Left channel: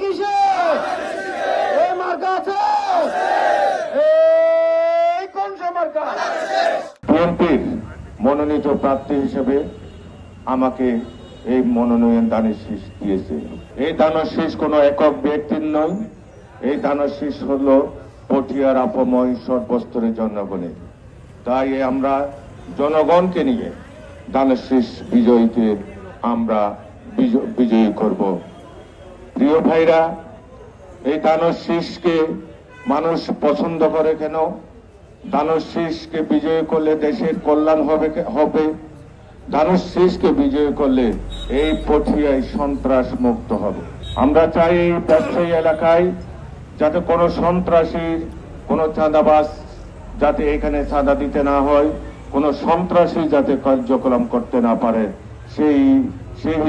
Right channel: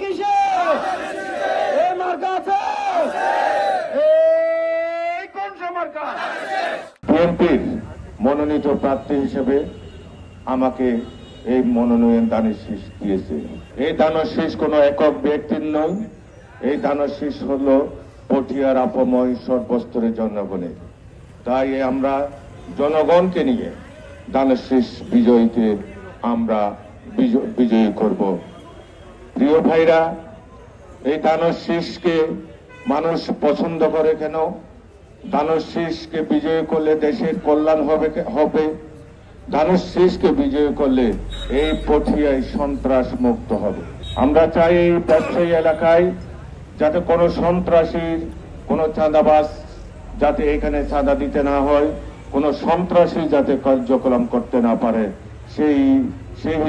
কিসে এ মার্কা আছে কোন সে মার্কা? বিএনপির মনোনীত প্রার্থী হিসেবে আমাকে এই মনোনয়ন দানের শীষ দিয়েছে। এই দানের শীষ কোনো একক ব্যক্তির নয়, এই দানের শীষ হল পটিয়ার আপময় সর্বস্তরের জনগণের। তাই আমরা জনগণকে নিয়ে দানের শীষ বিজয়ীতে আমরা বিজয়ী করব। প্রিয় ভাইরা, এই দানের শীষকে মানুষ পছন্দ করে কেন? দানের শীষকে বিজয় করলে দেশের কল্যাণ হবে। দানের শীষকে বিজয় করলে এই পটিয়ায় সন্ত্রাস মুক্ত হবে। আমরা চাই এই ব্যবসায়ী এলাকায় যাতে কোনো সন্ত্রাসীর, কোনো চাঁদাবাজ যাতে এখানে চাঁদা দিতে না হয়, কোনো সন্ত্রাসী যাতে কার্যক্রম করতে না পারে, সেই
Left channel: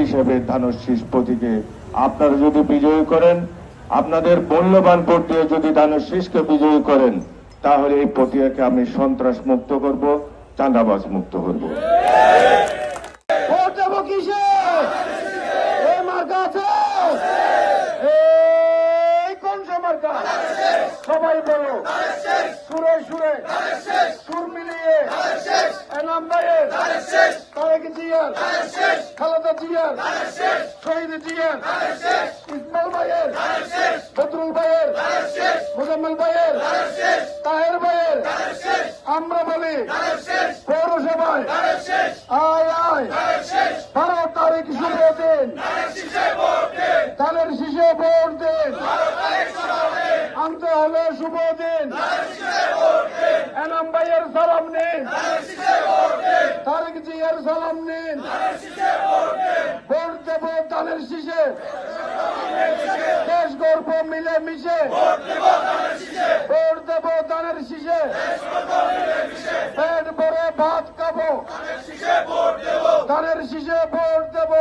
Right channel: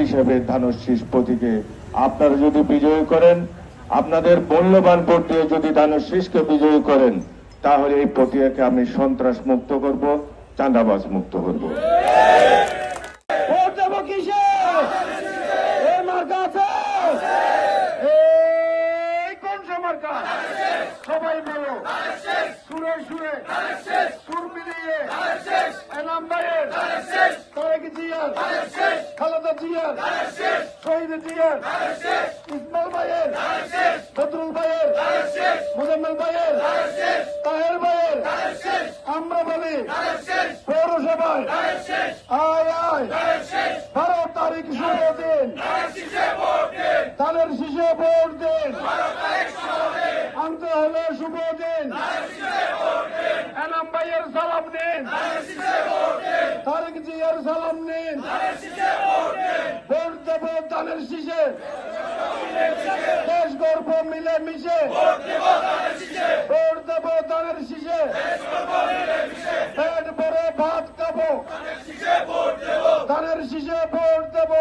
হিসেবে দানের শীষ প্রতীকে আপনারা যদি বিজয়ী করেন, আপনাদের মূল্যবান ভোট দিয়ে যদি দানের শীষকে বিজয়ী করেন, তাহলে এই পটিয়াকে আমি সন্ত্রাস মুক্ত করব, চাঁদাবাজ মুক্ত করব। ভোট দেবো কিসে এ মার্কা আছে কোন সে মার্কা? সবাই বলো সুরে সুরে সুর মিলিয়ে এনাম ভাইয়ের, তারেক জিয়ার, খালেদা জিয়ার, শহীদ জিয়ার, ইসমাইল ভাইয়ের, বদরুল ভাইয়ের, মুজাম্মেল ভাইয়ের, তাহের ভাইয়ের, আমরা বলি পৌরসভায় আয় আয় ভাড়া তারিখ শিখে দিন, ধানের শীষে ভোট দিন, আনতে হবে শুভ দিন, এনাম ভাইয়ের সালাম নিন, তারেক জিয়ার সালাম নিন, ভোট দেব ধানের শীষে, দেশ গর্ব মিলে মিশে, ভোট দেব ধানের শীষে, পেট ভরে ভাত খাবো, ধানের শীষে ভোট দেব,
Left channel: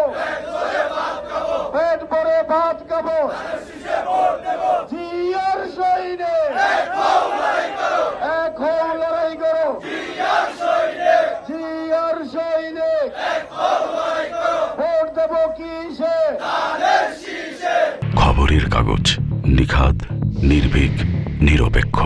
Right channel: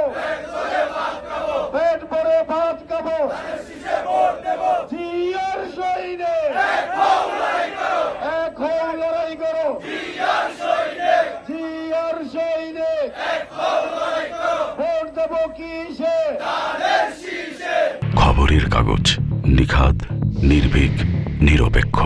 পেট ভরে ভাত খাবো, জিয়ার শহীদে এখন লড়াই করো, জিয়ার শহীদে ভোট দেব কিসে? খবরের কাগজ, নিখাদ, নির্ভীক, নিরপেক্ষ।